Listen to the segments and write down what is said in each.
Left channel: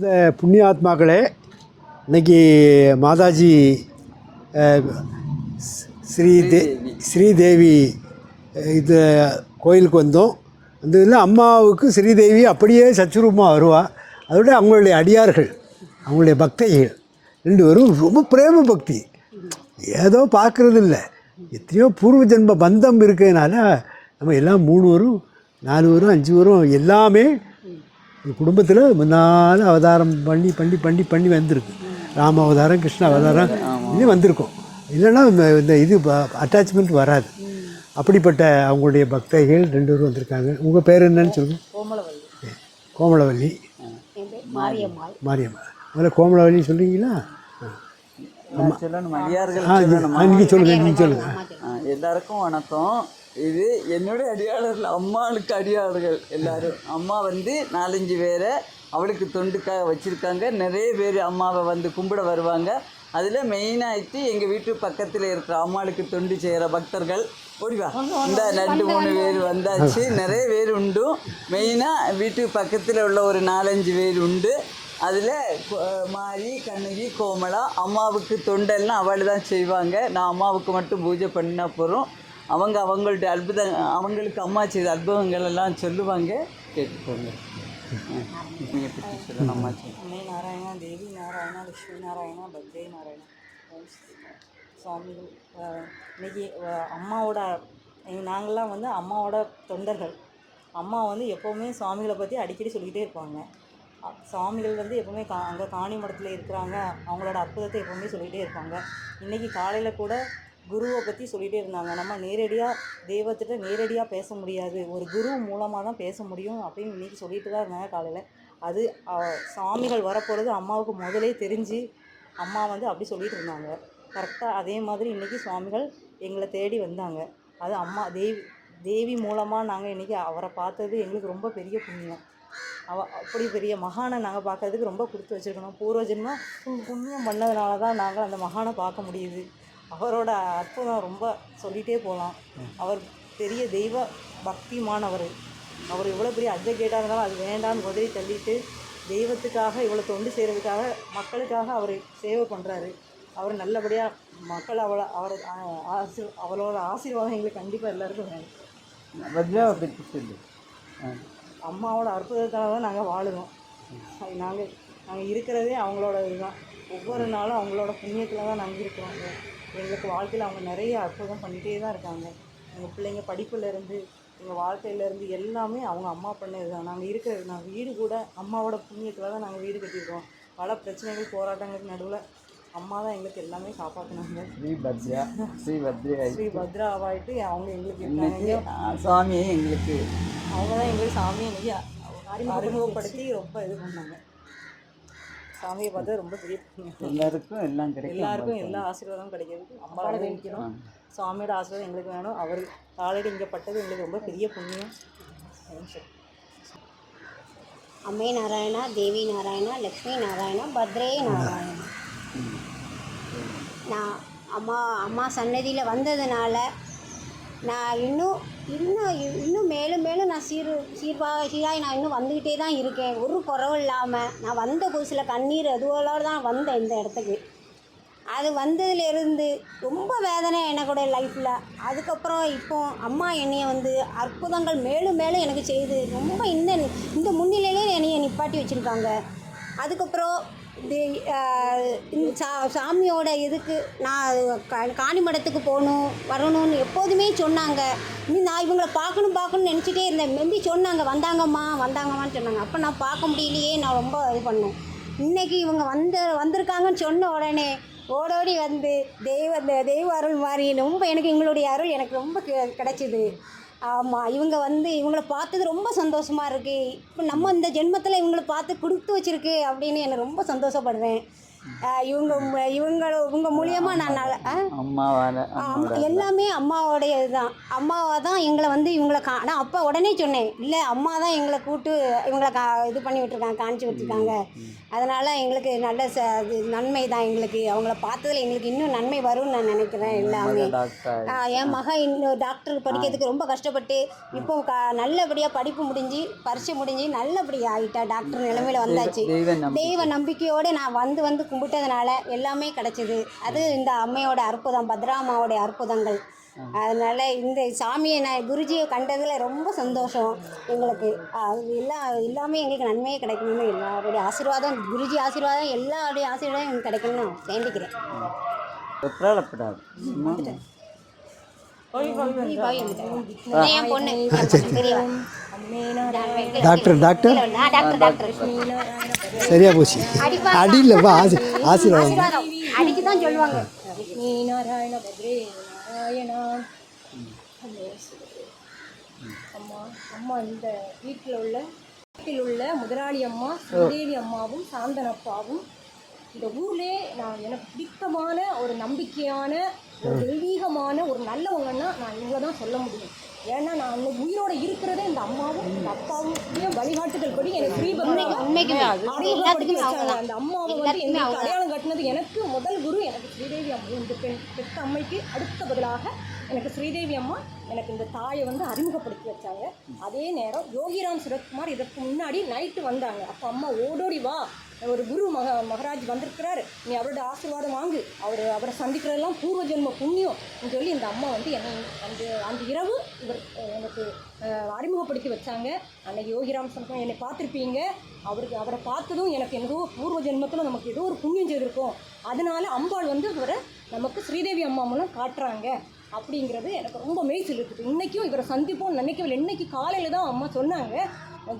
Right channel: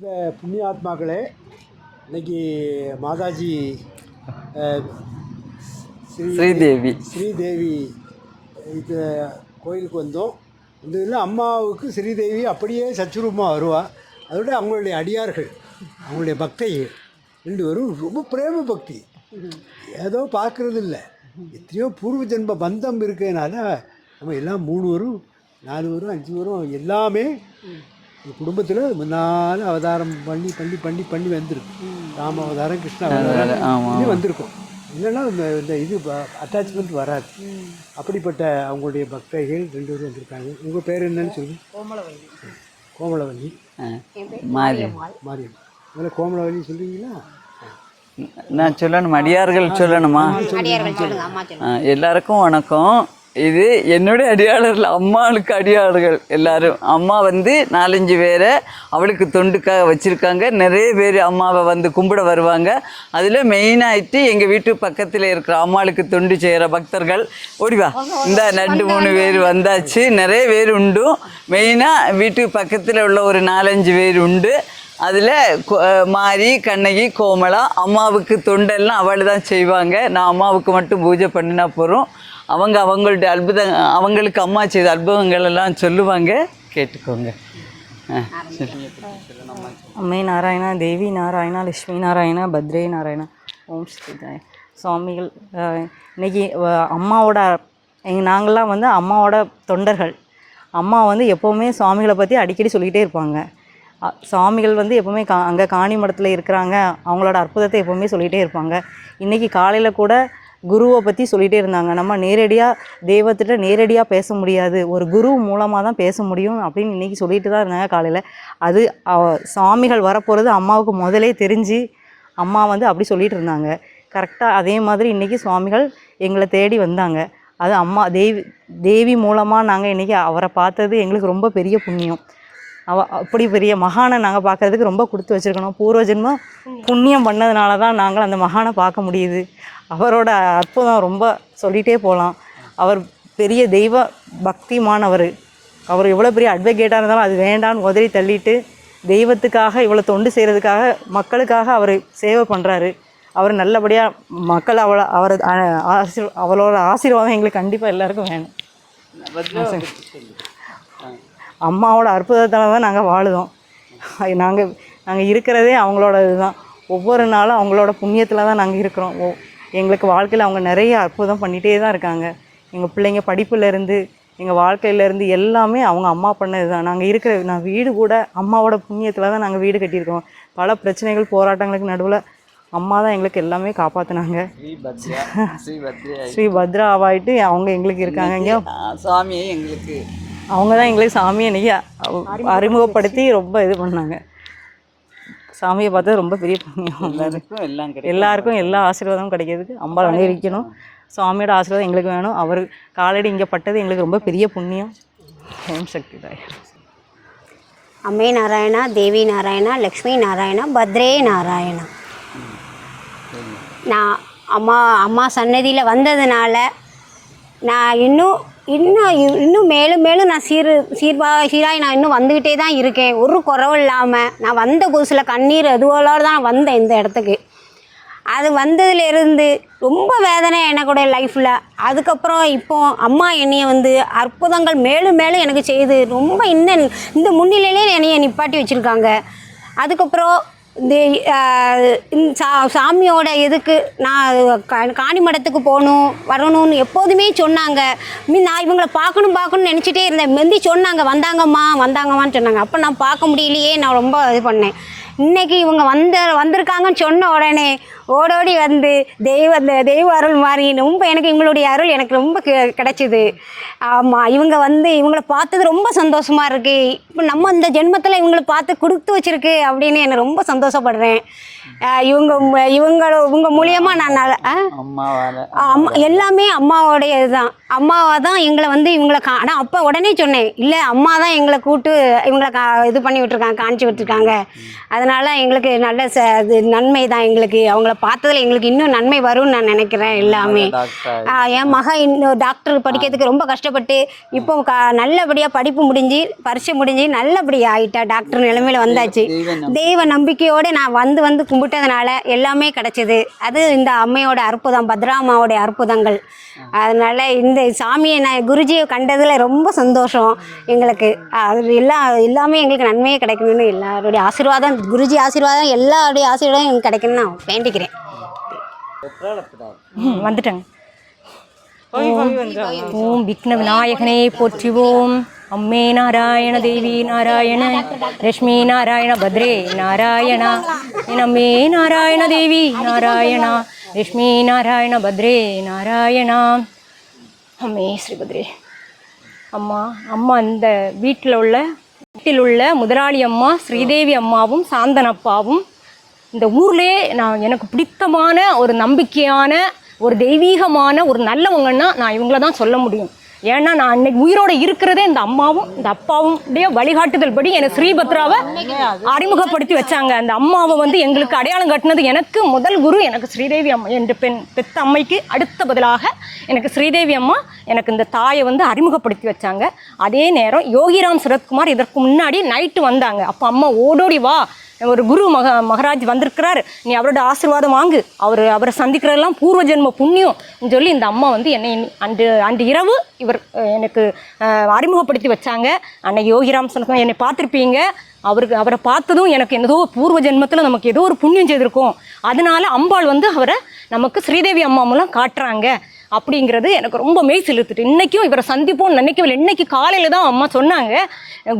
இந்த புண்ணியாத்மாக்களே இன்னைக்கு மாதாஜி ஸ்ரீதேவி. ஸ்ரீதேவி இது கோயிலுக்கு வந்தோம். அந்த இதில் அம்மாவுக்கு ஸ்ரீதேவி அப்படியே சச்சுரூபமாக வருவா. அதோட அவங்களுடைய அடியார்கள் அவங்களுடைய பக்தைகள் ரெண்டு பேரும் ரொம்ப பிரேம பக்தி. ஏதோ பார்க்குறது இல்லை எத்தனையோ பூர்வ ஜென்ம பந்தம் இருக்கிறதுனால நம்ம எல்லாம் மூணு வரும் நாலு வரும் அஞ்சு வரும் எல்லாமே குடும்பத்தில் முன்னால் அவதாரம் பண்ணி பண்ணி பண்ணி பண்ணி வந்திருக்கு. ராம அவதாரம் கிருஷ்ண அவதாரம் இது வந்திருக்கும். இல்லைன்னா இந்த- இது அட்டாச்மெண்ட் வராது. அப்படிப்பட்ட அவங்களுடைய பக்தைகள் ரெண்டு பேரும் வந்திருக்காங்க. உங்கள் பேர் என்னன்னு சொல்லுங்க. கோமலவல்லி. மாறி மாரியம்மா முதல்ல கோமலவல்லி சொல்கிறீங்களா நான் சொல்லணும் அடியார்கள் சொல்லணுமா? ஆ, எல்லாருக்கும் வணக்கம். இது என்னுடைய அடியாளர்கள் அம்மாவுக்கு அடியாளர்கள் எல்லாரும். அம்மா வந்து நாலஞ்சு பேரை அவளுக்கு தொண்டுக்காக வச்சுருக்காங்க. நிறைய பேர் அம்மாவை வந்து கும்பிட வருவாங்க. அதில் மெயினாகிட்டு எங்கள் வீட்டு பக்கத்தில் இருக்கிற அம்மாளுக்கு தொண்டு செய்கிற பக்தர்கள். ஓடிவா இந்த ரெண்டு மூணு பேர் வந்தாச்சு. நிறைய பேர் உண்டு. மெயினாக வீட்டு பக்கத்தில் உள்ள ஒரு நாலஞ்சு பேர் உண்டு. அதில் மாரி கண்ணகி கோமலா அம்மாவுக்கு தொண்டெல்லாம் அவள் தான் செய்வாங்க. நான் அம்மாவுக்கு மட்டும் பூஜை பண்ணினா போகிறோம் அவங்க அவங்கள்ட்ட அற்புத அவங்களுக்கு அம்மா செய்த அற்புதங்கள் எல்லாம் சொல்லுவாங்க. கேட்டுக்கோங்க. அம்மை நாராயணா தேவி நாராயணா லட்சுமி நாராயணா பத்ரே நாராயணா. ஓம் ஸ்ரீதாய் சுவாமிகள் இன்னைக்கு அம்மாவோட எங்க நாங்கள்லாம் வந்து அம்மாவோட தொண்டர்கள். அம்மா வந்து எப்போவுமே சுவாமிகளை பற்றி அடிக்கடி சொல்லிக்கிட்டே இருப்பாங்க. சுவாமிகள் வந்து எப்போவுமே கா அங்கே காணி மடத்தில் இருக்கிறாங்க. அவங்களோட அற்புதத்தை எப்போவுமே சொல்லிகிட்டே இருப்பாங்க. இன்றைக்கி காலையில் கூட குருவை பற்றி சொல்லிகிட்டே இருந்தாங்க. நம்ம நேரடியாக தெய்வத்திட்ட நேரடியாக பேச முடியாது. ஒரு குரு மூலமாக தான் பேச முடியும் அப்படின்னு இன்றைக்கி சொல்லிட்டு தான் இருந்தாங்க காலையில். அது சாமிகள் சுவாமிகள் வரப்போகிறது அம்மாவுக்கு முதலே தெரிஞ்சு அம்மா வந்து அப்படி சொல்லிகிட்டு இருந்தாங்க. கரெக்டாக அதே மாதிரி இன்றைக்கி சுவாமிகள் எங்களை தேடி வந்தாங்க. அது அம்மா தேவி தேவி மூலமாக நாங்கள் இன்றைக்கி அவரை பார்த்தது எங்களுக்கு ரொம்ப பெரிய புண்ணியம். அவ அப்படி பெரிய மகானை நாங்கள் பார்க்கறதுக்கு ரொம்ப கொடுத்து வச்சுருக்கணும். பூர்வஜென்மம் புண்ணியம் பண்ணதுனால தான் நாங்கள் அந்த மகானை பார்க்க முடியுது. அவரோட அற்புதம் ரொம்ப சொல்லிகிட்டே போகலாம் அவர் பெரிய தெய்வ பக்திமானவர். அவர் எவ்வளோ பெரிய அட்வொகேட்டாக இருந்தாலும் அது வேண்டான்னு உதறி தள்ளிட்டு தெய்வத்துக்காக இவ்வளோ தொண்டு செய்கிறதுக்காக மக்களுக்காக அவர் சேவை பண்ணுறாரு அவர் நல்லபடியாக மக்கள் அவளை அவர் ஆசீர் அவளோட ஆசீர்வாதம் எங்களுக்கு கண்டிப்பாக எல்லாருக்கும் வேணும். அம்மாவோட அற்புதத்தால் தான் நாங்கள் வாழுதோம். நாங்கள் நாங்கள் இருக்கிறதே அவங்களோட இதுதான் ஒவ்வொரு நாளும் அவங்களோட புண்ணியத்தில் தான் நாங்கள் இருக்கிறோம். ஓ எங்களுக்கு வாழ்க்கையில் அவங்க நிறைய அற்புதம் பண்ணிகிட்டே தான் இருக்காங்க. எங்கள் பிள்ளைங்க படிப்புலேருந்து எங்கள் வாழ்க்கையிலேருந்து எல்லாமே அவங்க அம்மா பண்ணது தான். நாங்கள் இருக்கிற நான் வீடு கூட அம்மாவோட புண்ணியத்தில் தான் நாங்கள் வீடு கட்டியிருக்கோம். பல பிரச்சனைகள் போராட்டங்களுக்கு நடுவில் அம்மா தான் எங்களுக்கு எல்லாமே காப்பாற்றினாங்க ஸ்ரீ பத்ரா ஆவாயிட்டு அவங்க எங்களுக்கு இருக்காங்க. இங்கே சுவாமியை எங்களுக்கு அவங்க தான் எங்களுக்கு சாமியை இன்னைக்கு அறிமுகப்படுத்தி ரொம்ப இது பண்ணாங்க. சாமியை பார்த்தா ரொம்ப பெரிய புண்ணியம். எல்லாருக்கும் எல்லாம் எல்லாருக்கும் எல்லா ஆசீர்வாதமும் கிடைக்கிறதுக்கு அம்பாள் அங்கீகரிக்கணும் சுவாமியோட ஆசீர்வாதம் எங்களுக்கு வேணும். அவர் காலடி இங்கே பட்டது எங்களுக்கு ரொம்ப பெரிய புண்ணியம். ஓம் சக்தி தாய். அம்மே நாராயணா தேவி நாராயணா லக்ஷ்மி நாராயணா பத்ரே நாராயணா. நான் அம்மா அம்மா சன்னதியில் வந்ததுனால நான் இன்னும் இன்னும் இன்னும் மேலும் மேலும் நான் சீர் சீர்பா சீராய் நான் இன்னும் வந்துக்கிட்டே தான் இருக்கேன். ஒரு குறவும் இல்லாமல் நான் வந்த புதுசில் கண்ணீர் அதுவோட தான் வந்தேன் இந்த இடத்துக்கு. அது வந்ததுலேருந்து ரொம்ப வேதனை எனக்கூட லைஃப்பில் அதுக்கப்புறம் இப்போ அம்மா என்னையை வந்து அற்புதங்கள் மேலும் மேலும் எனக்கு செய்து ரொம்ப இன்னும் இந்த முன்னிலையிலே என்னையை நிப்பாட்டி வச்சுருக்காங்க. அதுக்கப்புறம் இந்த சா சாமியோட இதுக்கு நான் காணி மடத்துக்கு போகணும் வரணும்னு எப்போதுமே சொன்னாங்க. மீ நான் இவங்களை பார்க்கணும் பார்க்கணும்னு நினச்சிட்டே இருந்தேன். முந்தி சொன்னாங்க வந்தாங்கம்மா வந்தாங்கம்மான்னு சொன்னாங்க. அப்போ நான் பார்க்க முடியலையே நான் ரொம்ப இது பண்ணேன். இன்றைக்கி இவங்க வந்த வந்திருக்காங்கன்னு சொன்ன உடனே ஓடோடி வந்து தெய்வ இந்த தெய்வ அருள் மாதிரி ரொம்ப எனக்கு இவங்களுடைய அருள் எனக்கு ரொம்ப கிடைச்சிது. ஆமாம் இவங்க வந்து இவங்கள பார்த்தது ரொம்ப சந்தோஷமாக இருக்குது இப்போ நம்ம இந்த ஜென்மத்தில் இவங்கள பார்த்து கொடுத்து வச்சுருக்கு அப்படின்னு என்னை ரொம்ப சந்தோஷப்படுறேன். இவங்க மு- இவங்கள இவங்க மூலியமாக நான் அம்மா எல்லாமே அம்மாவோடைய இதுதான் அம்மாவை தான் எங்களை வந்து இவங்களை கா ஆனால் அப்போ உடனே சொன்னேன் இல்லை அம்மா தான் எங்களை கூட்டு இவங்களை கா இது பண்ணி விட்டுருக்காங்க காணிச்சு விட்டுருக்காங்க. அதனால் எங்களுக்கு நல்ல ச இது நன்மை தான் எங்களுக்கு. அவங்கள பார்த்ததுல எங்களுக்கு இன்னும் நன்மை வரும்னு நான் நினைக்கிறேன் எல்லாமே. என் மகன் இன்னும் டாக்டர் படிக்கிறதுக்கு ரொம்ப கஷ்டப்பட்டு இப்போ க நல்லபடியாக படிப்பு முடிஞ்சு பரீட்சை முடிஞ்சு நல்லபடியாக ஆயிட்டா டாக்டர் நிலைமையில வந்தாச்சு. தெய்வ நம்பிக்கையோடு நான் வந்து வந்து கும்பிட்டதுனால எல்லாமே கிடைச்சது. அது இந்த அம்மையோட அற்புதம் பத்ராமாவோடைய அற்புதங்கள். அதனால இந்த சாமியை நான் குருஜியை கண்டதில் ரொம்ப சந்தோஷம் எங்களுக்கு. அது எல்லா எல்லாமே எங்களுக்கு நன்மையே கிடைக்கணும்னு எல்லாருடைய ஆசீர்வாதம் குருஜி ஆசீர்வாதம் எல்லாருடைய ஆசீர்வாதம் எனக்கு கிடைக்கணும்னு நான் வேண்டிக்கிறேன். வந்துட்டேங்க. ஓம் விக்ன விநாயகனே போற்றுவோம். அம்மே நாராயண தேவி நாராயண லட்சுமி நாராயண பத்ரே நாராயண. அம்மே. நாராயண தேவி நாராயணா. லட்சுமி நாராயண பத்ரே நாராயணா. அம்மே ஸ்ரீபத்ரே அம்மா அம்மா இந்த வீட்டில் உள்ள வீட்டில் உள்ள முதலாளி அம்மா ஸ்ரீதேவி அம்மாவும் சாந்தனப்பாவும் இந்த ஊர்லேயே நான் எனக்கு பிடித்தமான ஒரு நம்பிக்கையான ஒரு தெய்வீகமான ஒரு நல்லவங்கன்னா நான் இவங்கள தான் சொல்ல முடியும். ஏன்னா நான் அன்னைக்கு உயிரோட இருக்கிறதே இந்த அம்மாவும் இந்த அப்பாவும் வழிகாட்டுதல் படி எனக்கு ஸ்ரீபத்ராவை அறிமுகப்படுத்தி வச்சாங்க. அந்த அம்மாவை வந்து எங்களுக்கு அடையாளம் கட்டினது எனக்கு முதல் குரு எனக்கு ஸ்ரீதேவி அம்மா என்ற பெண் பெத்த அம்மைக்கு அடுத்த பதிலாக எனக்கு ஸ்ரீதேவி அம்மா எனக்கு இந்த தாயை வந்து அறிமுகப்படுத்தி வச்சாங்க. அதே நேரம் யோகிராம் சரத்குமார் இதற்கு முன்னாடி நைட்டு வந்தாங்க. அப்போ அம்மா ஓடோடி வா ஒரு குரு மக மகராஜ் வந்திருக்கிறார். நீ அவரோட ஆசீர்வாதம் வாங்கு. அவர் அவரை சந்திக்கிறதெல்லாம் பூர்வ ஜென்ம புண்ணியம் சொல்லி இந்த அம்மா வந்து என்னை அன்று அன்று இரவு இவர் எனக்கு அறிமுகப்படுத்தி வச்சாங்க. அன்னை யோகிராம் சொன்ன என்னை பார்த்துருப்பீங்க. அவருக்கு அவரை பார்த்ததும் எனக்கு என்னதோ பூர்வ ஜென்மத்தில் நமக்கு ஏதோ ஒரு புண்ணியம் செய்திருக்கோம். அதனால அம்பாள் வந்து அவரை நமக்கு ஸ்ரீதேவி அம்மா மூலம் காட்டுறாங்க. அப்படிங்கிறது எனக்கு ரொம்ப மெய் செலுத்துட்டு இன்றைக்கும் இவரை சந்திப்போம்னு நினைக்கவில்லை. இன்றைக்கி காலையில் தான் அம்மா சொன்னாங்க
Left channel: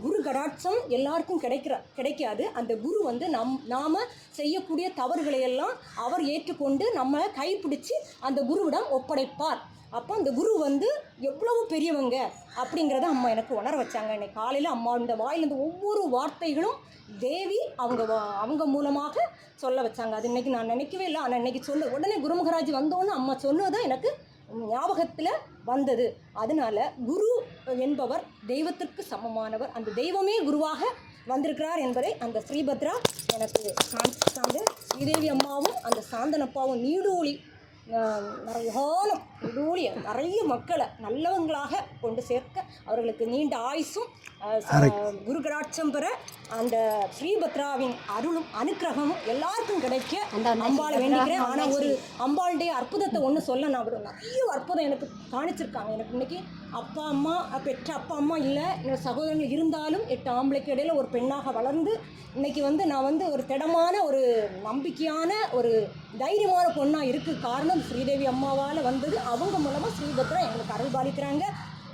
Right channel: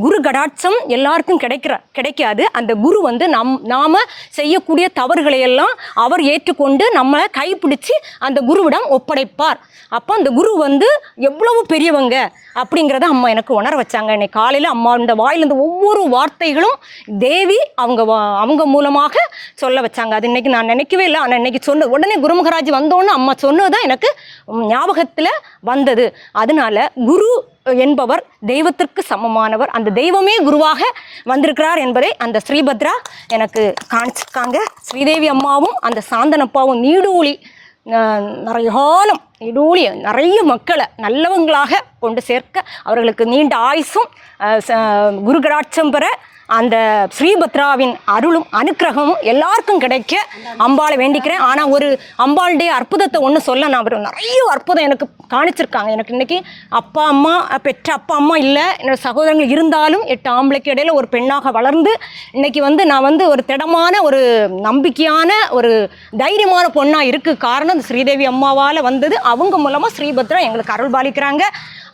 குரு கடாட்சம் எல்லாருக்கும் கிடைக்கிற கிடைக்காது. அந்த குரு வந்து நம் நாம் செய்யக்கூடிய தவறுகளை எல்லாம் அவர் ஏற்றுக்கொண்டு நம்மளை கைப்பிடிச்சு அந்த குருவிடம் ஒப்படைப்பார். அப்போ அந்த குரு வந்து எவ்வளவு பெரியவங்க? அப்படிங்கிறத அம்மா எனக்கு உணர வச்சாங்க. இன்னைக்கு காலையில் அம்மா இந்த வாயிலிருந்து ஒவ்வொரு வார்த்தைகளும் தேவி அவங்க வா- அவங்க மூலமாக சொல்ல வச்சாங்க. அது இன்னைக்கு நான் நினைக்கவே இல்லை. ஆனால் இன்னைக்கு சொன்ன உடனே குருமகராஜ் வந்தோன்னு அம்மா சொன்னது தான் எனக்கு ஞாபகத்தில் வந்தது. அதனால குரு என்பவர் தெய்வத்திற்கு சமமானவர். அந்த தெய்வமே குருவாக வந்திருக்கிறார் என்பதை அந்த ஸ்ரீபத்ரா எனக்கு காணிச்சிருக்காங்க ஸ்ரீதேவி அம்மாவும் அந்த சாந்தனப்பாவும் நீடூழி நிறைய காலம் இடூழி நிறைய மக்களை நல்லவங்களாக கொண்டு சேர்க்க அவர்களுக்கு நீண்ட ஆயுசும் அஹ், ச- குரு கடாட்சம் பெற அந்த ஸ்ரீபத்ராவின் அருளும் அனுக்கிரகமும் எல்லாருக்கும் கிடைக்க அம்பாளை வேண்டிக்கிறேன். ஆனால் ஒரு அம்பாளுடைய அற்புதத்தை ஒன்று சொல்ல நான் வரும் நிறைய அற்புதம் எனக்கு காணிச்சிருக்காங்க. எனக்கு இன்னைக்கு அப்பா அம்மா பெற்ற அப்பா அம்மா இல்லை. என்னோட சகோதரங்கள் இருந்தாலும் எட்டு ஆம்பளைக்கு இடையில ஒரு பெண்ணாக வளர்ந்து இன்னைக்கு வந்து நான் வந்து ஒரு திடமான ஒரு நம்பிக்கையான ஒரு தைரியமான பொண்ணாக இருக்கு. காரணம் இந்த ஸ்ரீதேவி அம்மாவால் வந்தது. அவங்க மூலமாக ஸ்ரீபத்ரா எங்களுக்கு அருள் பாலிக்கிறாங்க.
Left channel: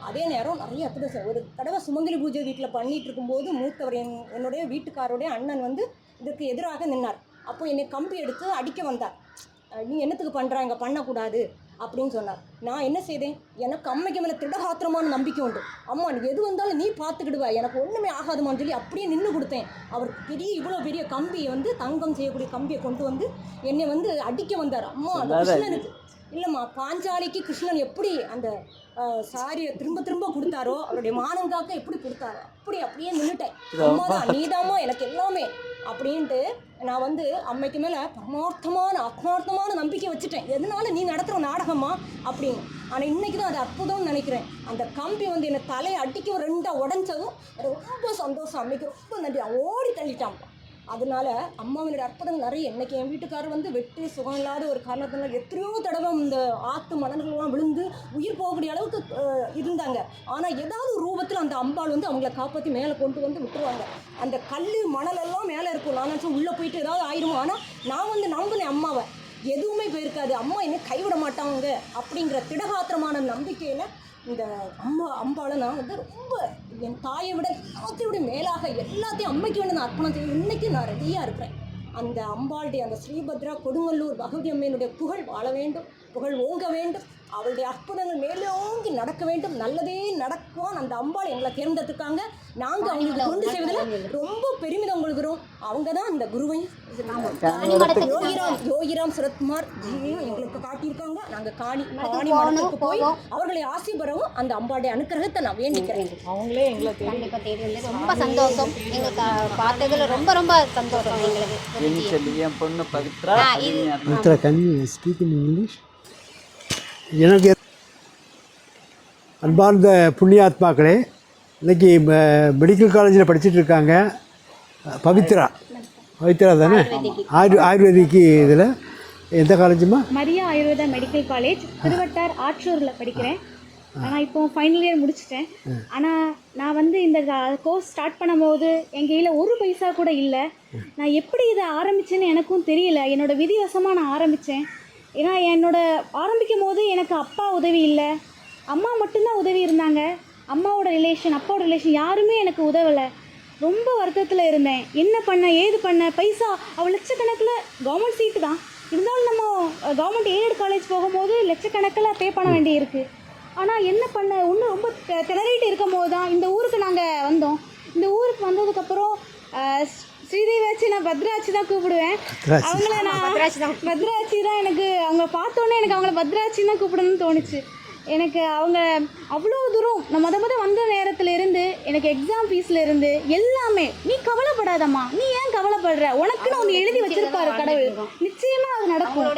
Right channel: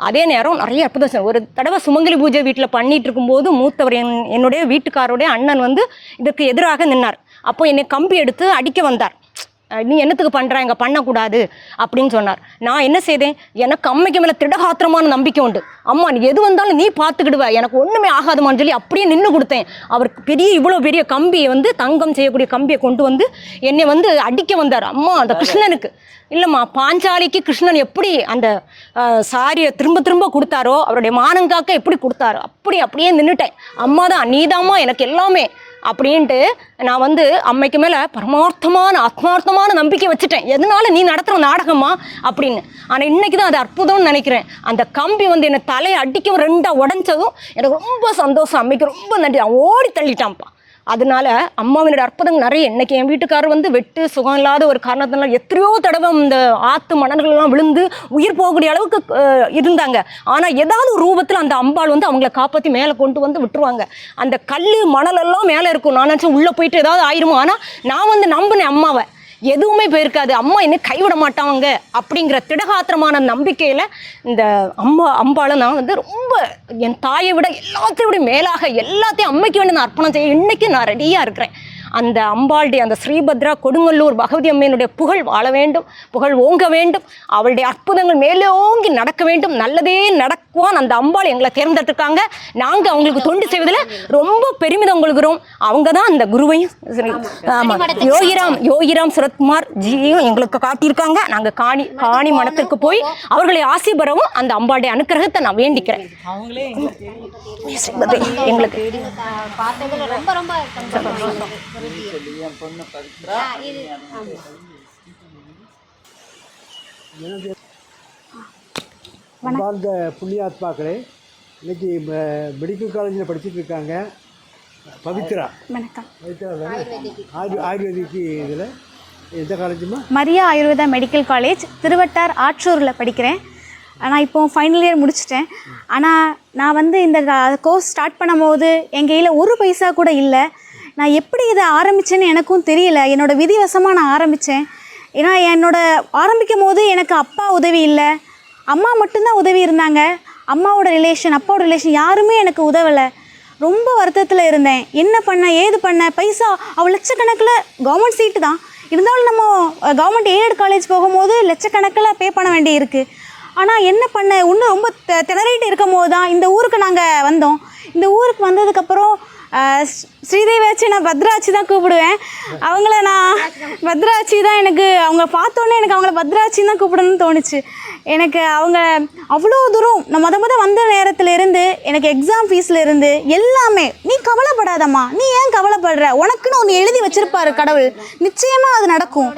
அதே நேரம் நிறைய அற்புதம் ஒரு தடவை சுமங்கலி பூஜை வீட்டில் பண்ணிட்டு இருக்கும்போது மூத்தவர் என் என்னுடைய வீட்டுக்காரோடைய அண்ணன் வந்து இதற்கு எதிராக நின்னார். அப்போ என்னை கம்பி எடுத்து அடிக்க வந்தார். நீ என்னத்துக்கு பண்ணுற இங்கே பண்ணக்கூடாது அப்படின்னு சொன்னார். நான் என்ன செய்தேன்? எனக்கு அம்மைக்கு மேலே திடகாத்திரமான நம்பிக்கை உண்டு. அம்மா நீ எது வந்தாலும் நீ பார்த்துக்கிடுவ. எனக்கு ஒன்றுமே ஆகாதுமான்னு சொல்லி அப்படியே நின்று கொடுத்தேன். அவருக்கு பெரிய இவ்வளோ பெரிய கம்பியை வந்து தங்கம் செய்யக்கூடிய கம்பியை கொண்டு வந்து என்னை வந்து அடிக்க வந்தார். அம்மா அந்த கிருஷ்ணனுக்கு. இல்லைம்மா பாஞ்சாலிக்கு கிருஷ்ணன் எப்படி அந்த சாரியை திரும்ப திரும்ப கொடுத்தாரோ அவருடைய மானங்காக்க எப்படி கொடுத்தாரோ அப்படி அப்படியே நின்றுட்டேன் அம்மா தான் நீதாம்மா எனக்கு எல்லாமே அப்படின்ட்டு நான் வந்து அம்மைக்கு மேலே பரமார்த்தமான ஆத்மார்த்தமான நம்பிக்கை வச்சுட்டேன். எதனால நீ நடத்துகிற நாடகமா அப்படின்னு. ஆனால் இன்னைக்கு தான் அது அற்புதம்னு நினைக்கிறேன். அந்த கம்பி வந்து என்னை தலையை அடிக்கவும் ரெண்டாக உடஞ்சதும் எனக்கு ரொம்ப சந்தோஷம். அம்மைக்கு ரொம்ப நன்றி. அவன் ஓடி தள்ளிட்டான்ப்பா. அதனால அம்மாவினோட அற்புதங்கள் நிறைய. இன்னைக்கு என் வீட்டுக்காரர் வந்து வெட்டு சுகம் இல்லாத ஒரு காரணத்தினால எத்தனையோ தடவை இந்த ஆத்து மணல்கள்லாம் விழுந்து உயிர் போகக்கூடிய அளவுக்கு இருந்தாங்க. ஆனால் ஏதாவது ஒரு ரூபத்தில் அந்த அம்பாள் வந்து அவங்கள காப்பாற்றி மேலே கொண்டு வந்து விட்டுருவாங்க. அந்த கல் மணலெல்லாம் மேலே இருக்கும். நான் நினச்சேன் உள்ளே போயிட்டு ஏதாவது ஆயிருமோ. ஆனால் நான் வந்து நம்பினேன் அம்மாவை. எதுவுமே போயிருக்காது. அம்மா என்ன கைவிட மாட்டாங்க அப்படிங்கிற திடகாத்திரமான நம்பிக்கையில் இந்த அம்மா அம்பாளை நான் வந்து ரொம்ப என் தாயை விட எல்லாத்தையும் விட மேலாக எல்லாத்தையும் அம்மைக்கு வேண்டி நான் அர்ப்பணம் செய்ய இன்னைக்கு நான் ரெடியாக இருக்கிறேன். அந்த அம்பாளுடைய அந்த ஸ்ரீபத்ரா கொடுங்கல்லூர் பகவதி அம்மையினுடைய புகழ் வாழ வேண்டும் புகழ் ஓங்க வேண்டும் அவளுடைய அற்புதங்கள் மேலோங்கி நடக்க வேண்டும் நல்லதே நடக்க பகவான் அந்த அம்பாள் எங்களை தேர்ந்தெடுத்திருக்காங்க. நாங்க அவங்களுக்கு தொண்டு செய்வதில் ரொம்ப பெருமிதம் கொள்கிறோம். அவங்க தான் அந்த குருவையும் யோகிராம் யோகிராம் சுரத்குமார் ஜியும் எங்களுக்கு காட்டியிருக்காங்க. நாங்க காணி காணி மடத்திற்கு போய் அவர்களை ஆசி பெறவும் அந்த அம்பாளுடைய அனுக்கிரகத்தை நான் வேண்டிக்கிறேன். அவங்களே எங்களை தேடி எங்களுக்கு பார்த்ததுல ரொம்ப ரொம்ப சந்தோஷம் எங்களுக்கு என் பொண்ணு Pavithra Mithra can speak in English எனக்கு அன்பார்ந்த புண்ணியாத்மாக்களே இன்னைக்கு மெடிக்கல் காலேஜில் படிச்சுட்டு இருக்காங்க பவித்ரா. பவித்ரா தானே? ஆயுர் ஆயுர்வேதிக் இதில் எந்த காலேஜுமா மரியா ஆயுர்வேதா மெடிக்கல் காலேஜ் திருவட்டார் ஆற்றூரில் படிக்கிறேன். ஆனால் இப்போ ஃபைனல் இயர் முடிச்சிட்டேன். ஆனால் நான் வந்து இந்த கோர்ஸ் ஸ்டார்ட் பண்ணும்போது என் கையில் ஒரு பைசா கூட இல்லை. நான் எப்படி இதை ஆரம்பிச்சேன்னு எனக்கும் தெரியல. என்னோட விதிவசமாக நான் ஆரம்பித்தேன் ஏன்னா என்னோட ஆரம்பிக்கும் போது எனக்கு அப்பா உதவி இல்லை. அம்மா மட்டும்தான் உதவி இருந்தாங்க. அம்மாவோட ரிலேஷன் அப்பாவோட ரிலேஷன் யாருமே எனக்கு உதவலை. ரொம்ப வருத்தத்தில் இருந்தேன். என்ன பண்ண ஏது பண்ண பைசா அவள் லட்சக்கணக்கில் கவர்மெண்ட் சீட்டு தான். இருந்தாலும் நம்ம கவர்மெண்ட் எய்டட் காலேஜ் போகும்போது லட்சக்கணக்கில் பே பண்ண வேண்டி இருக்குது ஆனால் என்ன பண்ண இன்னும் ரொம்ப தெ- திணறிட்டு இருக்கும் போது தான் இந்த ஊருக்கு நாங்கள் வந்தோம். இந்த ஊருக்கு வந்ததுக்கப்புறம் அஹ், ஸ்ரீ- ஸ்ரீதேவி வச்சு நான் பத்ராட்சி தான் கூப்பிடுவேன். அவங்கள நான் பத்ராட்சி தான். எனக்கு அவங்க பார்த்தோன்னே எனக்கு அவங்கள பத்ராட்சி தான் கூப்பிடணும்னு தோணுச்சு. எனக்கு அவங்க அவ்வளோ தூரம் நான் முத மொதல் வந்த நேரத்துலேருந்து எனக்கு எக்ஸாம் ஃபீஸ்லேருந்து எல்லாமே நீ கவலைப்படாதம்மா நீ ஏன் கவலைப்படுற? உனக்குன்னு ஒன்று எழுதி வச்சுருப்பாரு கடவுள். நிச்சயமாக அது நடக்கும்.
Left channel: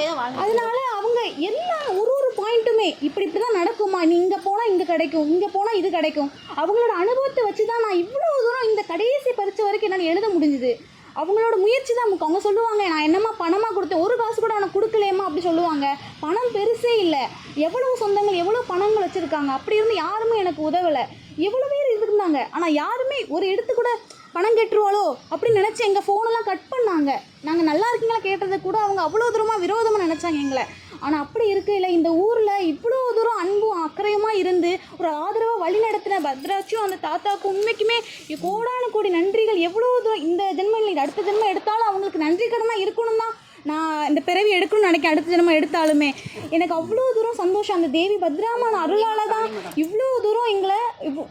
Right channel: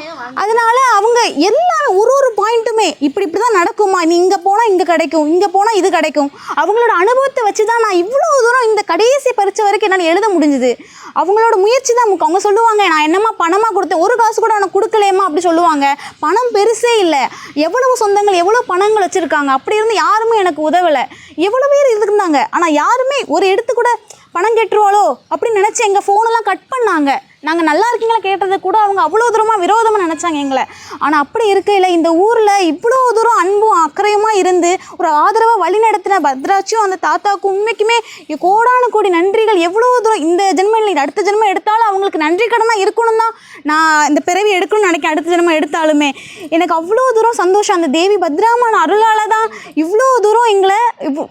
அதனால அவங்க எல்லா ஒரு ஒரு பாயிண்ட்டுமே இப்படி இப்படி தான் நடக்குமா நீ இங்கே போனால் இங்கே கிடைக்கும் இங்கே போனால் இது கிடைக்கும். அவங்களோட அனுபவத்தை வச்சு தான் நான் இவ்வளோ தூரம் இந்த கடைசி பறித்த வரைக்கும் என்னால் எழுத முடிஞ்சுது. அவங்களோட முயற்சி தான் முக்கியம். அவங்க சொல்லுவாங்க நான் என்னம்மா பணமாக கொடுத்தேன் ஒரு காசு கூட உனக்கு கொடுக்கலையம்மா அப்படி சொல்லுவாங்க. பணம் பெருசே இல்லை. எவ்வளவு சொந்தங்கள் எவ்வளோ பணங்கள் வச்சுருக்காங்க? அப்படி இருந்து யாருமே எனக்கு உதவலை. எவ்வளோ பேர் இருந்தாங்க ஆனால் யாருமே ஒரு எடுத்து கூட பணம் கெட்டுருவாளோ அப்படின்னு நினச்சி எங்கள் ஃபோனெல்லாம் கட் பண்ணாங்க. நாங்கள் நல்லா இருக்கீங்களா கேட்டதை கூட அவங்க அவ்வளோ தூரமாக விரோதமாக நினச்சாங்க எங்களை. ஆனால் அப்படி இருக்கையில் இந்த ஊரில் இவ்வளோ தூரம் அன்பும் அக்கறையுமாக இருந்து ஒரு ஆதரவாக வழி நடத்தின பத்ராட்சியும் அந்த தாத்தாவுக்கும் உண்மைக்குமே கோடான கோடி நன்றிகள். எவ்வளோ தூரம் இந்த ஜென்மம் இல்லை அடுத்த ஜென்மம் எடுத்தாலும் அவங்களுக்கு நன்றி கடனாக இருக்கணும் தான் நான் இந்த பிறவி எடுக்கணும்னு நினைக்கிறேன் அடுத்த ஜென்மம் எடுத்தாலுமே. எனக்கு அவ்வளோ தூரம் சந்தோஷம். அந்த தேவி பத்ராமான அருளால் தான் இவ்வளோ தூரம் எங்களை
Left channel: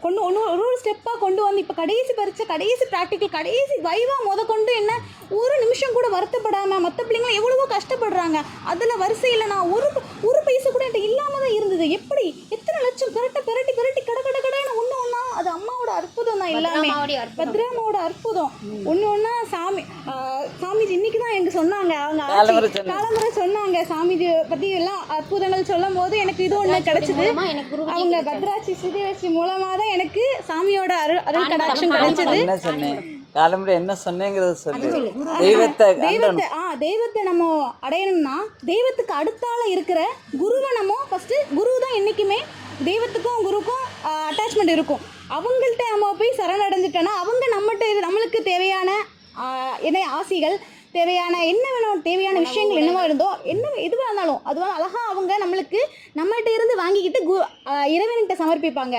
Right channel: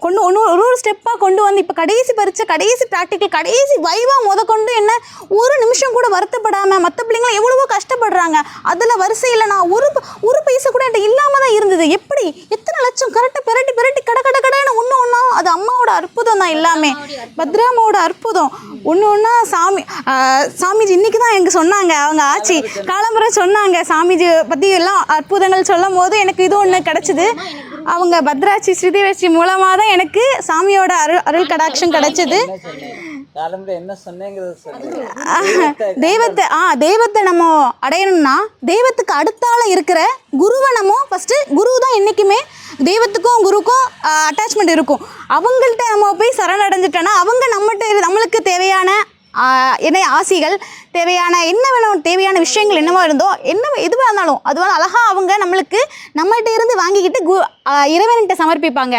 கொண்டு ஒன்று ஒரு ஒரு ஸ்டெப்பாக கொண்டு வந்து இப்போ கடைசி பரீட்சை கடைசி ப்ராக்டிக்கல் கடைசி வைவாக முத கொண்டு என்ன ஒரு நிமிஷம் கூட வருத்தப்படாமல் மற்ற பிள்ளைங்களும் எவ்வளவோ கஷ்டப்படுறாங்க. அதில் வரிசையில் நான் ஒரு ஒரு பைசா கூட என்கிட்ட இல்லாமல் தான் இருந்தது. எப்படி? எத்தனை லட்சம் கரெக்டாக பெரட்டி பெரட்டி கட கட கடன்னு ஒன்று ஒன்றா அது அம்மாவோட அற்புதம் தான் எல்லாமே. பத்ராமாவோட அற்புதம். ஒன்று ஒன்றா சாமி சாமிஜி இன்னைக்கு தான் எனக்கு சொன்னாங்க. அவங்க ஆச்சி காலம்புரை சொன்னாங்க. சாமிஜி பற்றி எல்லாம் அற்புதங்கள் சொல்லும் போது எனக்கு இது ஒன்று கிடச்சிது அவங்க பத்ராட்சி ஸ்ரீதேவஸ்ரீ மூலமாக தான் எனக்கு சாமியோட அருள் அருள் கடாட்சம் கிடச்சிது. என்ன சொன்னேங்கிறத சொல்லு. தெய்வத்தை ஆ தெய்வத்தை நம்ம அடையணும்னா தெய்வத்துக்கு அடுத்தால இருக்கிற குருவை நம்ம ஃபஸ்ட்டு குரு தான் என்றைக்குமே தெய்வத்துக்கும் குருக்கும் அட்டாச்மெண்ட் இருக்கும். அவங்கள்ட்ட நம்ம போய் சரணடைஞ்சிட்டோன்னா அவங்க நம்மகிட்ட நம்மளுக்கு தேவையான என்ன ஆசிகள் தேவையான என்ன வேணும் தேவையான விஷயங்கள் என்னவோ இருந்தோ என்ன எதுவாக இருந்தாலும் அதுவாக அழகாக அவங்க நம்மளுக்கு நம்மகிட்ட இருந்து வாங்கிக்கிட்டு கு இறைவன்கிட்ட சமர்ப்பிப்பாங்க.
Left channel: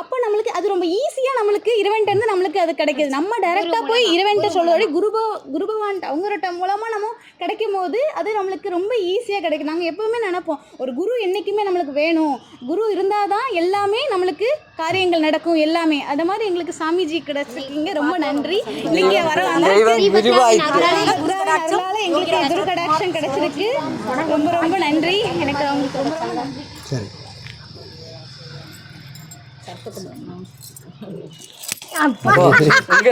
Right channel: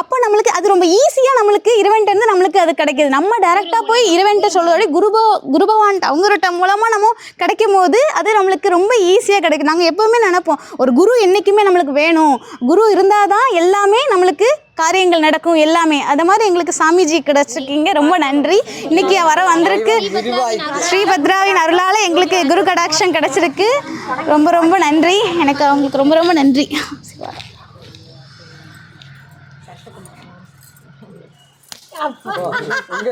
அப்போ நம்மளுக்கு அது ரொம்ப ஈஸியாக நம்மளுக்கு இறைவன்கிட்ட இருந்து நம்மளுக்கு அது கிடைக்கிது. நம்ம டைரெக்டாக போய் இறைவன்கிட்ட சொல்கிறத குருபோ குருபவான் அவங்ககிட்ட மூலமாக நம்ம கிடைக்கும் போது அது நம்மளுக்கு ரொம்ப ஈஸியாக கிடைக்கும் நாங்கள் எப்போவுமே நினைப்போம் ஒரு குரு என்றைக்குமே நம்மளுக்கு வேணும். குரு இருந்தால் தான் எல்லாமே நம்மளுக்கு காரியங்கள் நடக்கும் எல்லாமே. அது மாதிரி எங்களுக்கு சாமிஜி கிடைச்சிருக்கீங்க. ரொம்ப நன்றி. இன்னைக்கு வர வந்திருக்கு. ஸ்ரீபத்ராவின் அருளால எங்களுக்கு குரு கடாட்சம் கிடைச்சிருக்கு. ரொம்ப ரொம்ப நன்றி. எனக்கு அவங்களுக்கு ரொம்ப ரொம்ப நன்றி. உங்க